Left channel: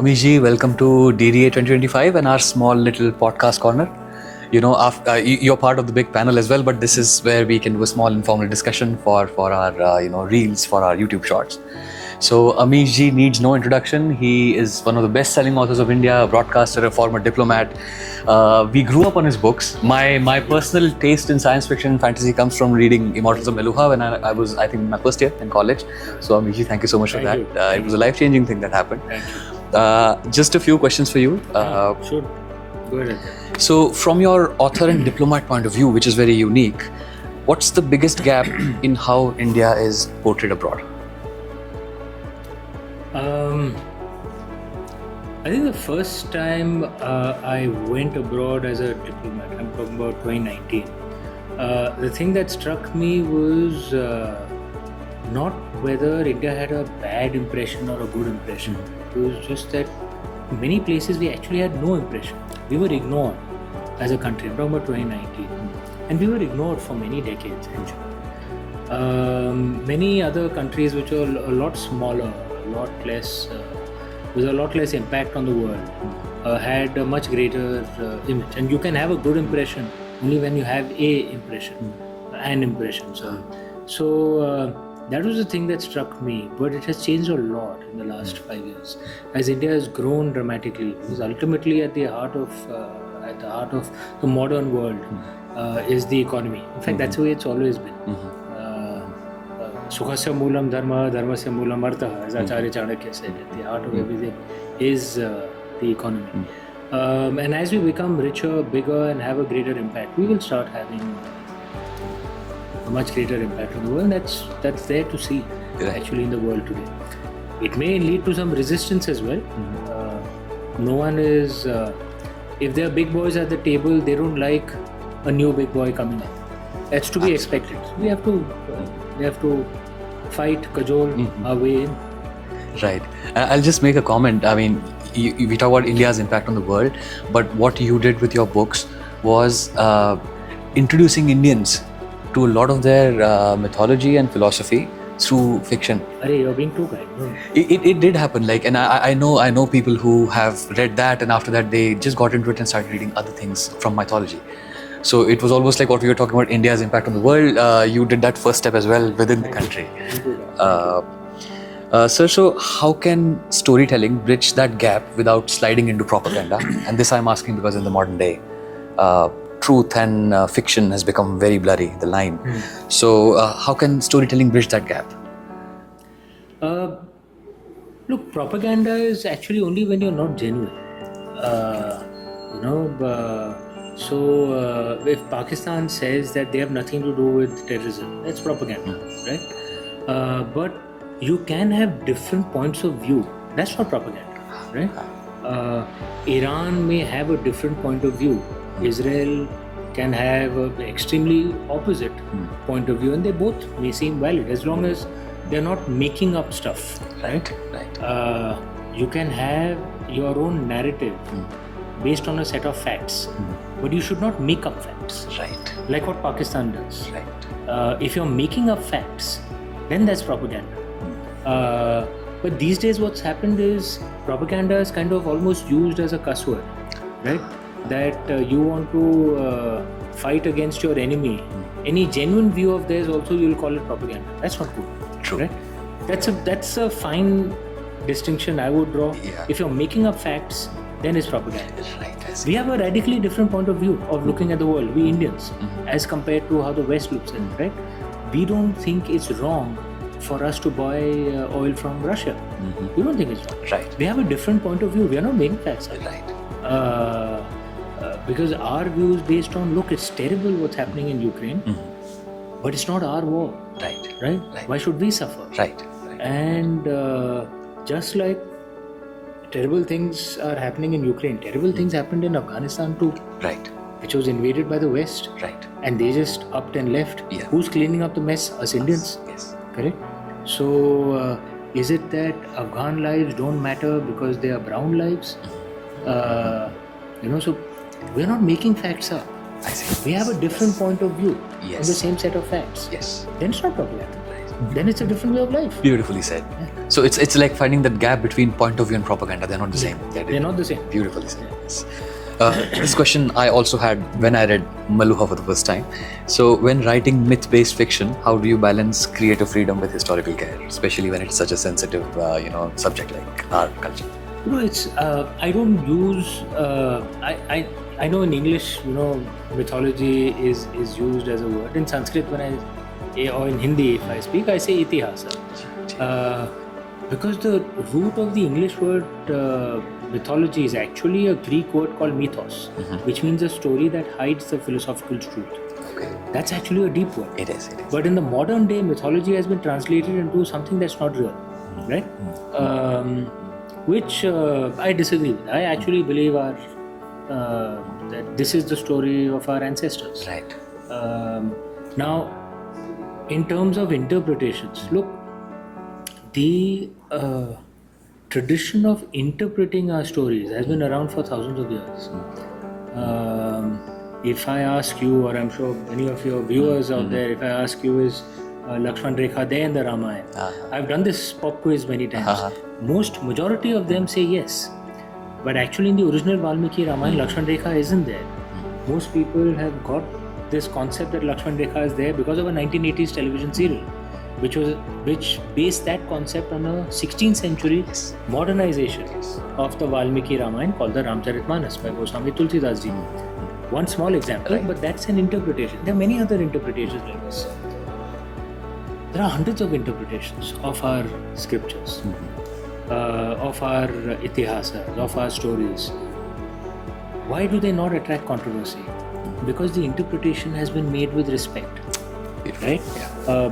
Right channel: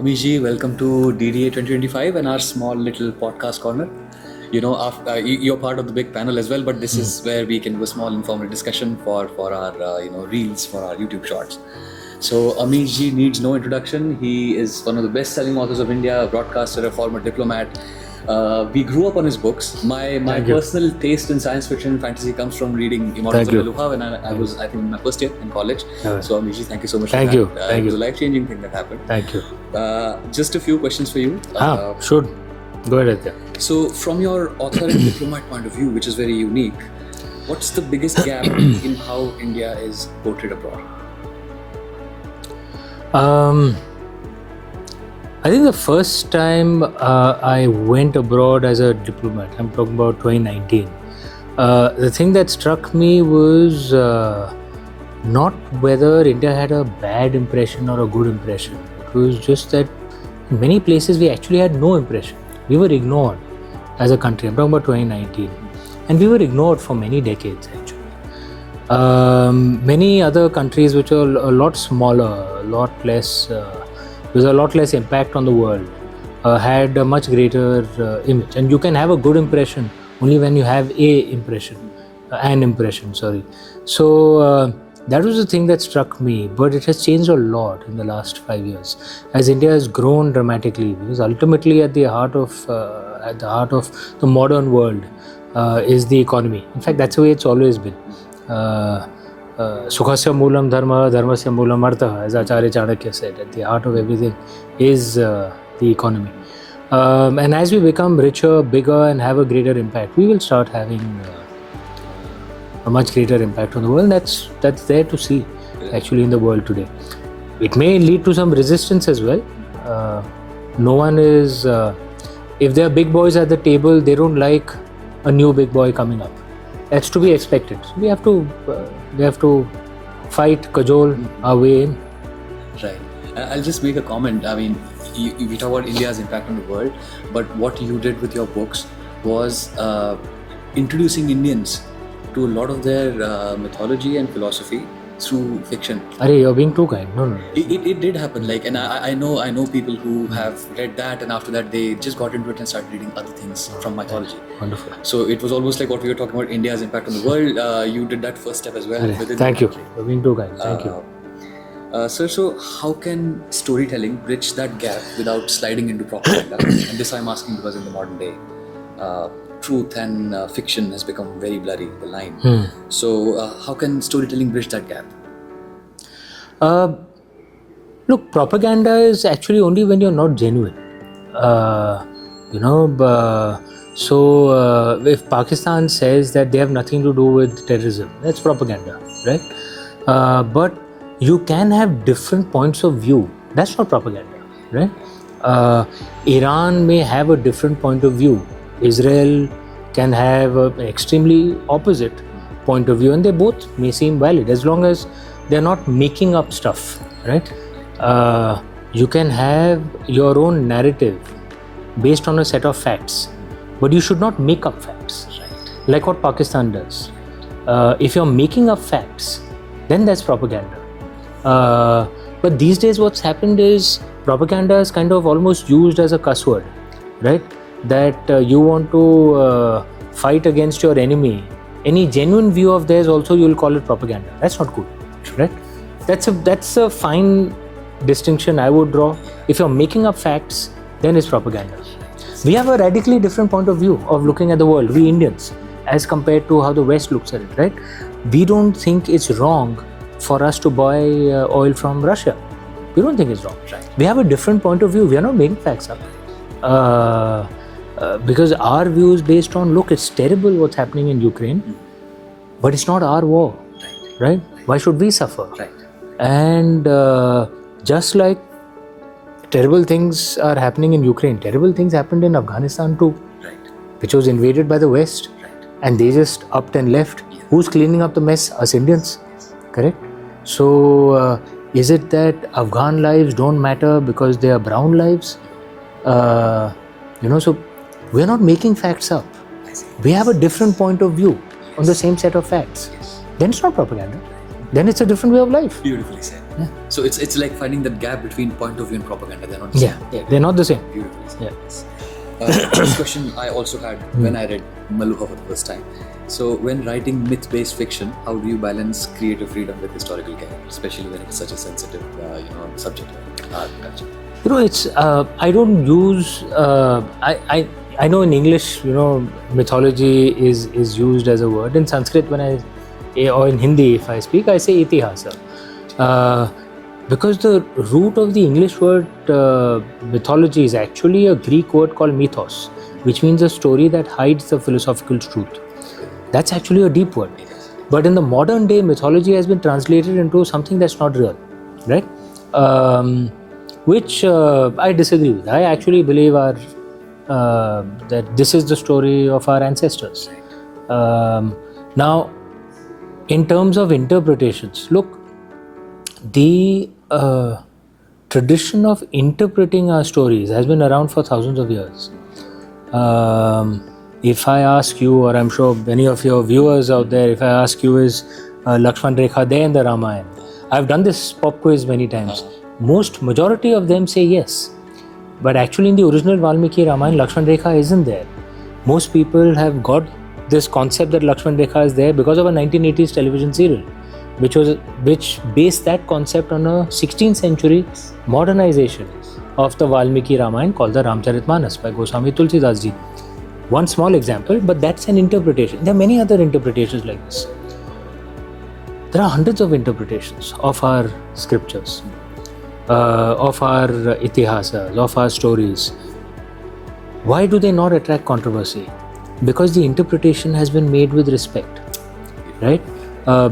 Amish ji, welcome to DDA 2025 and our small little podcast corner. You know, you're part of the big panel as well, but this is where we can do a small informal discussion for our reels, for our YouTube shorts. So Amish ji needs no introduction. He is one of the best-selling authors of India, a broadcaster, a former diplomat. We grew up on his books. My personal taste in science fiction and fantasy comes from reading Immortals of Meluha when I was, I think, in my first year in college. So Amish ji, thank you so much for that. It was a life-changing thing that happened. Thank you. Just a few questions for you. Sure. Go ahead. So from your author and diplomat point of view, which is very unique, what's the biggest gap in how India is portrayed abroad? I think the first time I went abroad as a diplomat, I'm talking about 2019, the thing that struck me was not whether India had a bad impression or a good impression. It was just that in many places we actually had no impression. We were ignored as a country. I'm talking about 2019. And we were ignored for many decades actually. Many other countries which are a lot smaller, a lot less, there's a lot less impact on the world, had a much greater image. And you can have a good impression only when you have an impression. So that was the thing that struck me, but it has changed a lot in the last 5 years as India has grown dramatically, because ultimately at the heart of the modern world is the economy. In fact, that's the way it's always been. Sukhasya moolam dharma, dharmasya moolam artha, as Acharya Chanakya said. At the heart of everything is the economy. And as we become richer, bigger, and have a greater impact, we will start having a much greater impact on the world. That's there to see actually in the world today. It may lead to some resistance as well. No one is, if there are big boys at the table, they don't like a new big boy coming up. That's to be expected. So we have to fight, cajole our way in. Right. I'll just make a comment. I mean, we talk about India's impact on the world, but what you did with your books was introducing Indians to a lot of their mythology and philosophy through fiction. Arey, you're being too kind. No. It did happen. Like, and I know people who have read that, and after that they just got into it and started reading other things from mythology. Wonderful. So it was almost like what we were talking about, India's impact on the world. You did that first step as well within the country. Thank you. You're being too kind. Thank you. Sir, so how can storytelling bridge that gap without sliding into propaganda? And this I'm asking because in the modern day, truth and fiction has become very blurry, the line. So how can storytelling bridge that gap? Look, propaganda is actually only when you're not genuine. So if Pakistan says that they have nothing to do with terrorism, that's propaganda, right? But you can have different points of view. That's not propaganda, right? Iran may have a different point of view. Israel can have an extremely opposite point of view, and they both may seem valid as long as they're not making up stuff, right? You can have your own narrative based on a set of facts, but you should not make up facts, Right. like what Pakistan does. Right. If you're making up facts, then that's propaganda. But these days what's happened is propaganda is kind of almost used as a cuss word, right? That you want to fight against your enemy. Any genuine view of theirs also you'll call it propaganda. That's not good. True. Right? That's a fine distinction I would draw. Yeah. If you're making up facts, then it's propaganda. Right. We have a radically different point of view of looking at the world, we Indians, as compared to how the West looks at it, right? We don't think it's wrong for us to buy oil from Russia. We don't think it's wrong. Right. We have a different point of view. We are not making facts up. Right. Because our view is based on, look, it's terrible what's happening in Ukraine, but it's not our war. Right? Why should we suffer? Right. And just like terrible things are happening in Ukraine, terrible things happened in Afghanistan too. Right. Which was invaded by the West. Right. And they just upped and left. Yeah. Who's cleaning up the mess? Us Indians. Yes. Correct? So is it that Afghan lives don't matter because they are brown lives? So we're not making facts up. I see. We have a different point of view Yes. on the same set of facts. Yes. Then it's not propaganda. then it's a different way of life. Beautifully said. So it's like finding that gap between point of view and propaganda. They're not the same. They're not the same. Beautifully said. Yes. This question I also had when I read Maluha for the first time. So when writing myth-based fiction, how do you balance creative freedom with historical care, especially when it's such a sensitive, subject like our culture? It's I don't use I know in English, mythology is used as a word. In Sanskrit, or in Hindi, if I speak, I say itihasa. Because the root of the English word mythology is actually a Greek word called mythos, which means a story that hides the philosophical truth. That's actually a deep word. It is. But in the modern day, mythology has been translated into something that's not real, right? Which I disagree with. I actually believe that this is the story of our ancestors. Right. Now, in terms of interpretations, look, the tradition of interpreting our stories has been around for thousands of years. If I ask you, or I'm sure many of your viewers out there, if I ask you, is Lakshman Rekha there in the Ramayana? I've done this pop quiz many times. Majority of them say yes. But actually in the original Valmiki Ramayana, Lakshman Rekha isn't there. Most people have got this concept that Lakshman Rekha is there because of a 1980s television serial, which based that concept on a 16th century modernization of the Valmiki Ramayana called the Ramcharitmanas by Goswami Tulsidas ji. One small example, but that's an interpretation. There are many other interpretations like this. There are hundreds of interpretations of our scriptures, of our itihasas, of our stories. Why do they not attract controversy? Because the interpretation has been made with respect, right?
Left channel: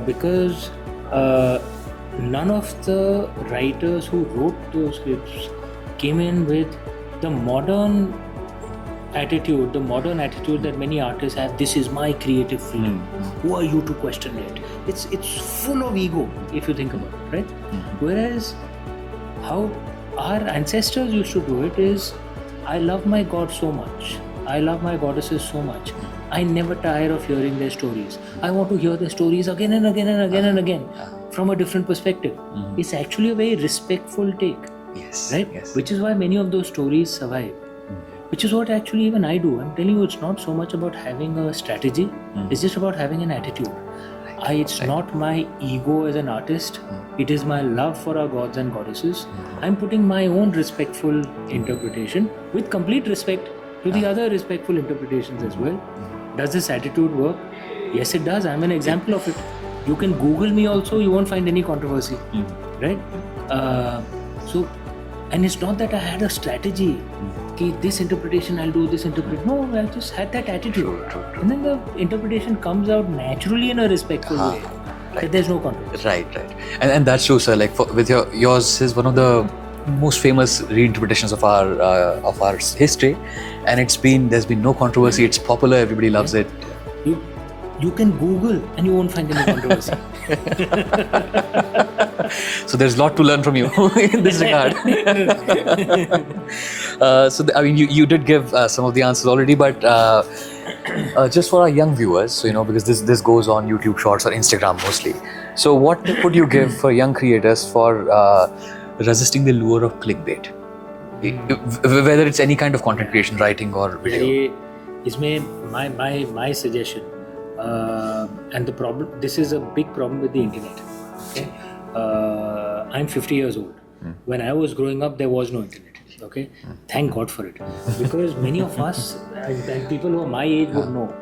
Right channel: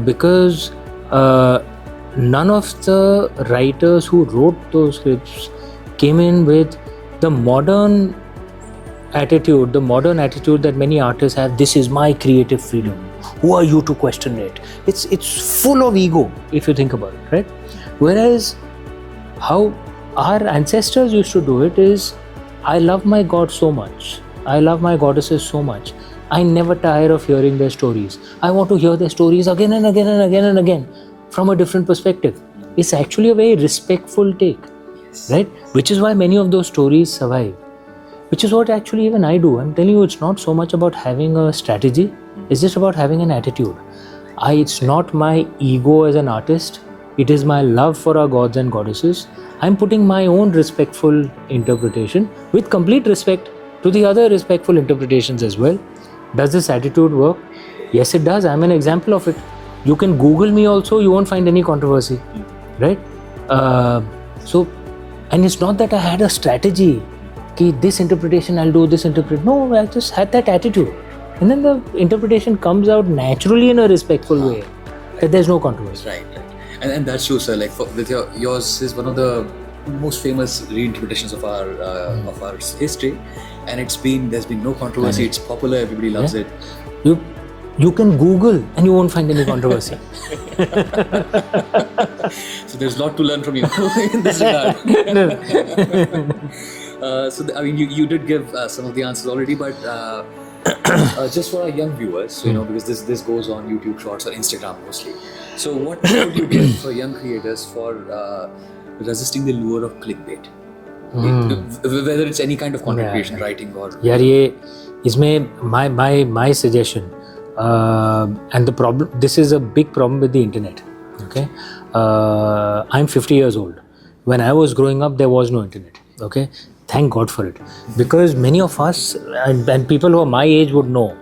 Because none of the writers who wrote those scripts came in with the modern attitude that many artists have. This is my creative freedom. Who are you to question it? It's full of ego if you think about it, right? Whereas how our ancestors used to do it is, I love my God so much. I love my goddesses so much. I never tire of hearing their stories. I want to hear their stories again and again and again and again from a different perspective. It's actually a very respectful take, right? Yes. Which is why many of those stories survive. Which is what actually even I do. I'm telling you, it's not so much about having a strategy. It's just about having an attitude. It's not my ego as an artist. It is my love for our gods and goddesses. I'm putting my own respectful interpretation with complete respect to the other respectful interpretations as well. Does this attitude work? Yes, it does. I'm an example of it. You can Google me also, you won't find any controversy, right? And it's not that I had a strategy. This interpretation I'll do, this interpretation. No, I just had that attitude. And then the interpretation comes out naturally in a respectful way. That there's no controversy. Right. And that's true, sir. Like with yours is one of the most famous reinterpretations of our history, and there's been no controversy. It's popular, everybody loves it. You can Google and you won't find any controversy. So there's a lot to learn from you in this regard. You did give some of the answers already, but just for our young viewers, because this goes on YouTube Shorts or Instagram mostly. So what would you give for young creators for resisting the lure of clickbait? Whether it's any kind of content creation, writing or... My suggestion, and the problem, this is a big problem with the internet. Okay, I'm 50 years old. When I was growing up, there was no internet. Okay, thank God for it, because many of us and people who are my age would know,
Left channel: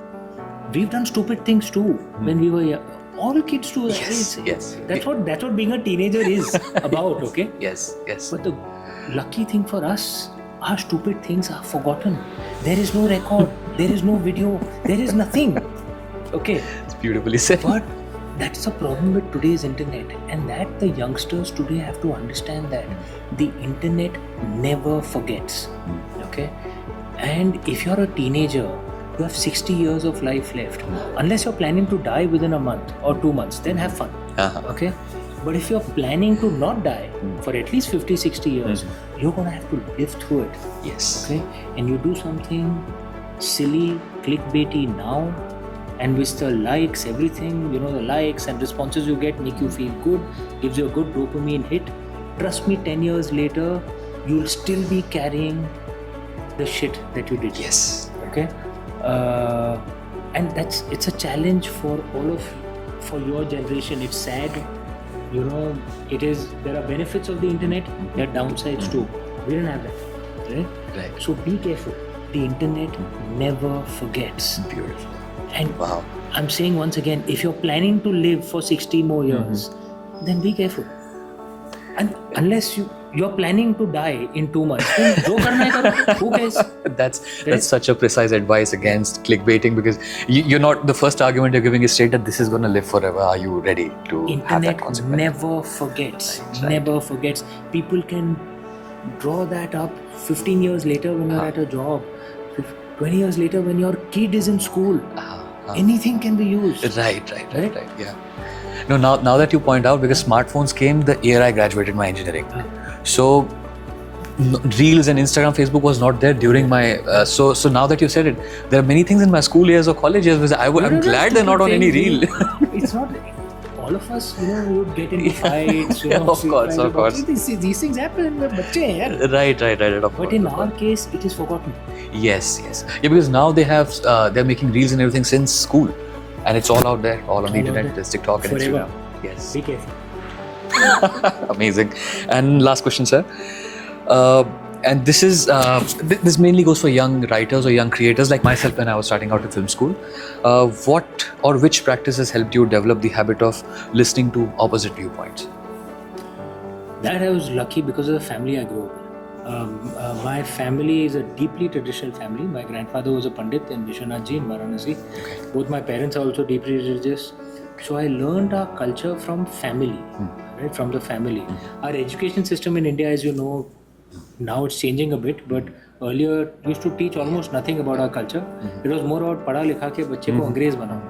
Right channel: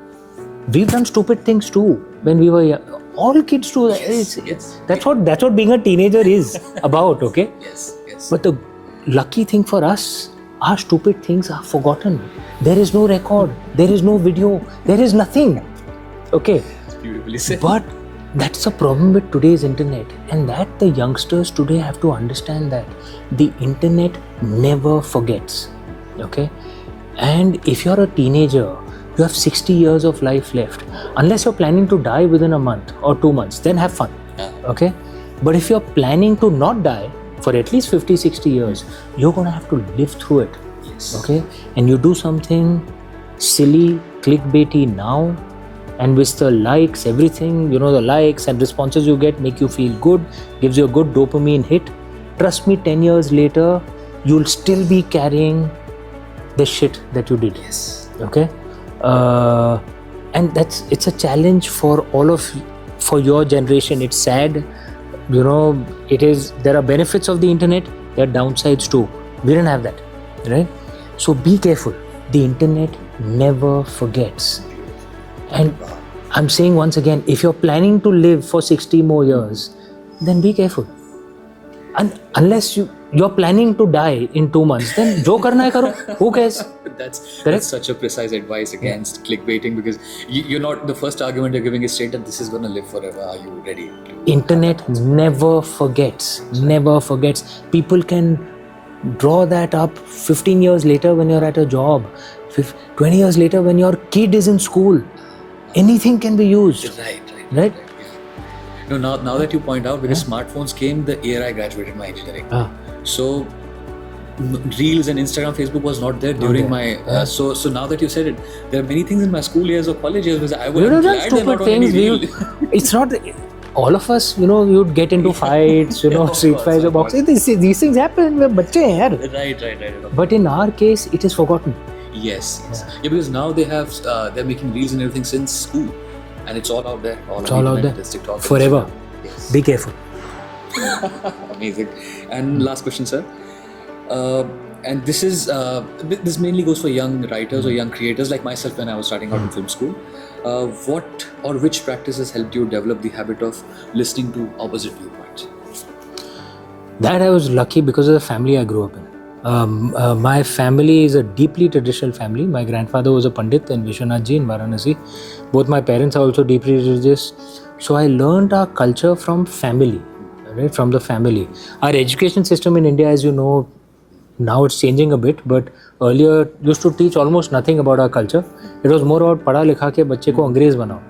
we've done stupid things too when we were young. All kids do. Yes. That's what being a teenager is about. Okay. Yes. But the lucky thing for us, our stupid things are forgotten. There is no record. There is no video. There is nothing. Okay. It's beautifully said. But that's a problem with today's internet, and that the youngsters today have to understand that the internet never forgets. Okay. And if you're a teenager, you have 60 years of life left. Unless you're planning to die within a month or 2 months, then have fun. Okay. But if you're planning to not die for at least 50, 60 years, you're going to have to live through it. Yes. Okay. And you do something silly, clickbaity now, and with the likes, everything, the likes and responses you get make you feel good, gives you a good dopamine hit. Trust me, 10 years later, you'll still be carrying the shit that you did. Yes. Okay? And it's a challenge for for your generation. It's sad. There are benefits of the internet, there are downsides too. We didn't have that, right? So be careful. The internet never forgets. Beautiful. And Wow. I'm saying once again, if you're planning to live for 60 more years, then be careful. And unless you're planning to die in 2 months, then jo karna hai karo. Who cares? That's such a precise advice against clickbaiting, because you're not, the first argument you're giving is straight that this is going to live forever. Are you ready to? Internet never forgets. Never forgets. People can draw that up 15 years later when you're at a job, 20 years later when your kid is in school. Anything can be used. Right. Yeah. No, now that you point out, because smartphones came the year I graduated my engineering. So Reels and Instagram, Facebook was not there during my. So now that you said it, there are many things in my school years or college years which I'm glad they're not on any reel. It's not. All of us, you'd get into fights, street fights about it. These things happen. We're bache hain, yaar. Right. But in our case, it is forgotten. Yes. Yeah, because now they're making reels and everything since school, and it's all out there, all on the internet. There's TikTok forever. Yes. Be careful. Amazing. And last question, sir. And this is this mainly goes for young writers or young creators like myself when I was starting out in film school. What or which practices helped you develop the habit of listening to opposite viewpoints? That I was lucky because of the family I grew up in. My family is a deeply traditional family. My grandfather was a Pandit in Vishwanath Ji in Varanasi. Both my parents are also deeply religious. So I learned our culture from family, right? From the family. Our education system in India, as you know, now it's changing a bit, but earlier used to teach almost nothing about our culture. It was more about padha likha ke bacche ko Angrez banao.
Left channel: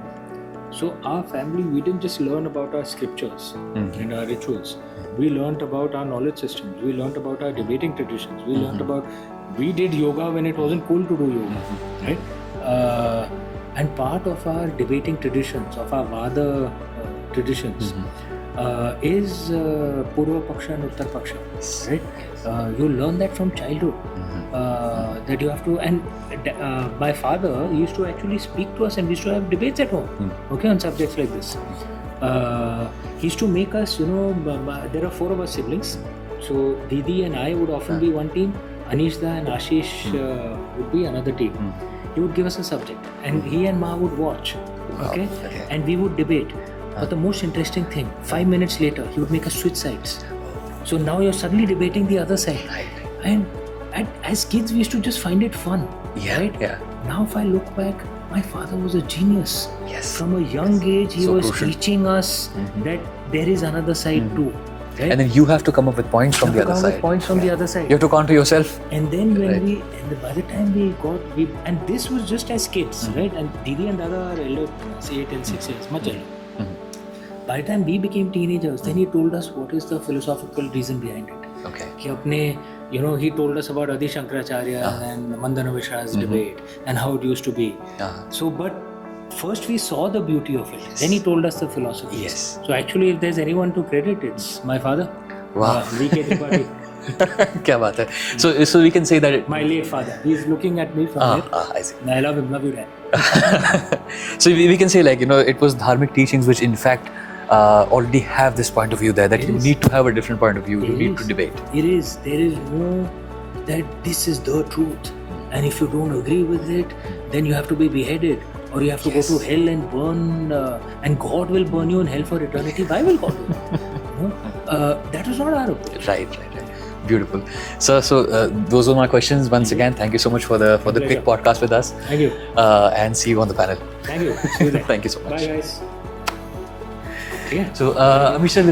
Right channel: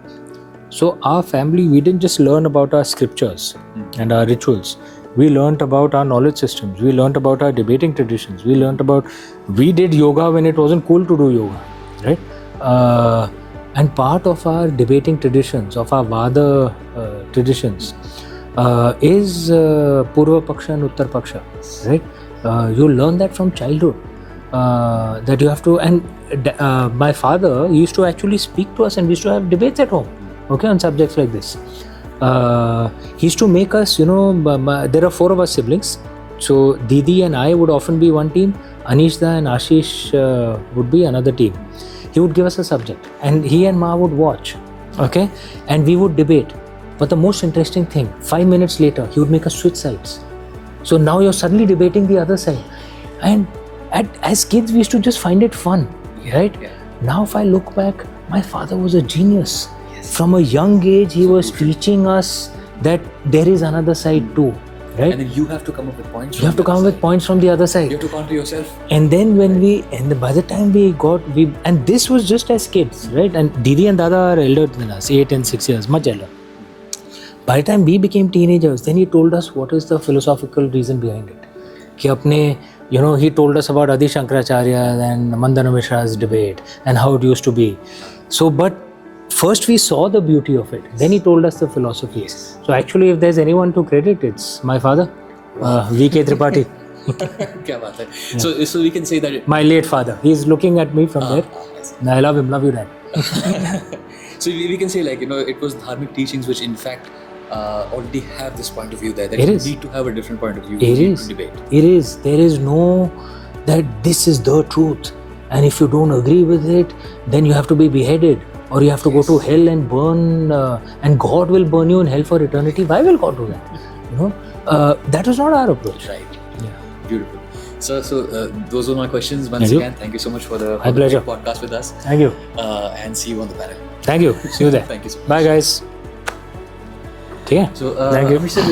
So our family, we didn't just learn about our scriptures and our rituals. We learned about our knowledge systems. We learned about our debating traditions. We did yoga when it wasn't cool to do yoga, right? And part of our debating traditions, of our Vada traditions, is Purva Paksha and Uttar Paksha, right? You learn that from childhood. That you have to, and my father used to actually speak to us, and we used to have debates at home, okay, on subjects like this. He used to make us, there are 4 of us siblings, so Didi and I would often be one team, Anishda and Ashish would be another team. He would give us a subject, and he and Ma would watch, okay, and we would debate. But the most interesting thing, 5 minutes later, he would make us switch sides. So now you're suddenly debating the other side. And as kids, we used to just find it fun, right? Yeah. Now if I look back, my father was a genius. Yes. From a young age, he was teaching us that there is another side too, right? And then you have to come up with points from the other side. You have to come up with points from the other side. You have to counter yourself. And then by the time and this was just as kids, right? And Didi and Dada are elder than us, 8 and 6 years, much elder. By the time we became teenagers, then he told us what is the philosophical reason behind it. Okay. He told us about Adi Shankaracharya and Mandana Mishra's debate and how it used to be. So, but first we saw the beauty of it. Then he told us the philosophy. Yes. So actually, if there's anyone to credit, it's my father, V.K. Tripathi. Kya baat hai. So we can say that My late father. He's looking at me from there. I see. I love him. Love you, Dad. So we can say, it was dharmic teachings which in fact already have this point of view there, that you need to have a different point of view to debate. It is. There is no that this is the truth, and if you don't agree with it, then you have to be beheaded, or you have to go to hell and burn, and God will burn you in hell for eternity. Why will God do that? That was not our approach. Right. Beautiful. So those were my questions. Once again, thank you so much for the great podcast with us. Thank you. And see you on the panel. Thank you. See you there. Thank you so much. Bye, guys. Yeah. So, Amish sir,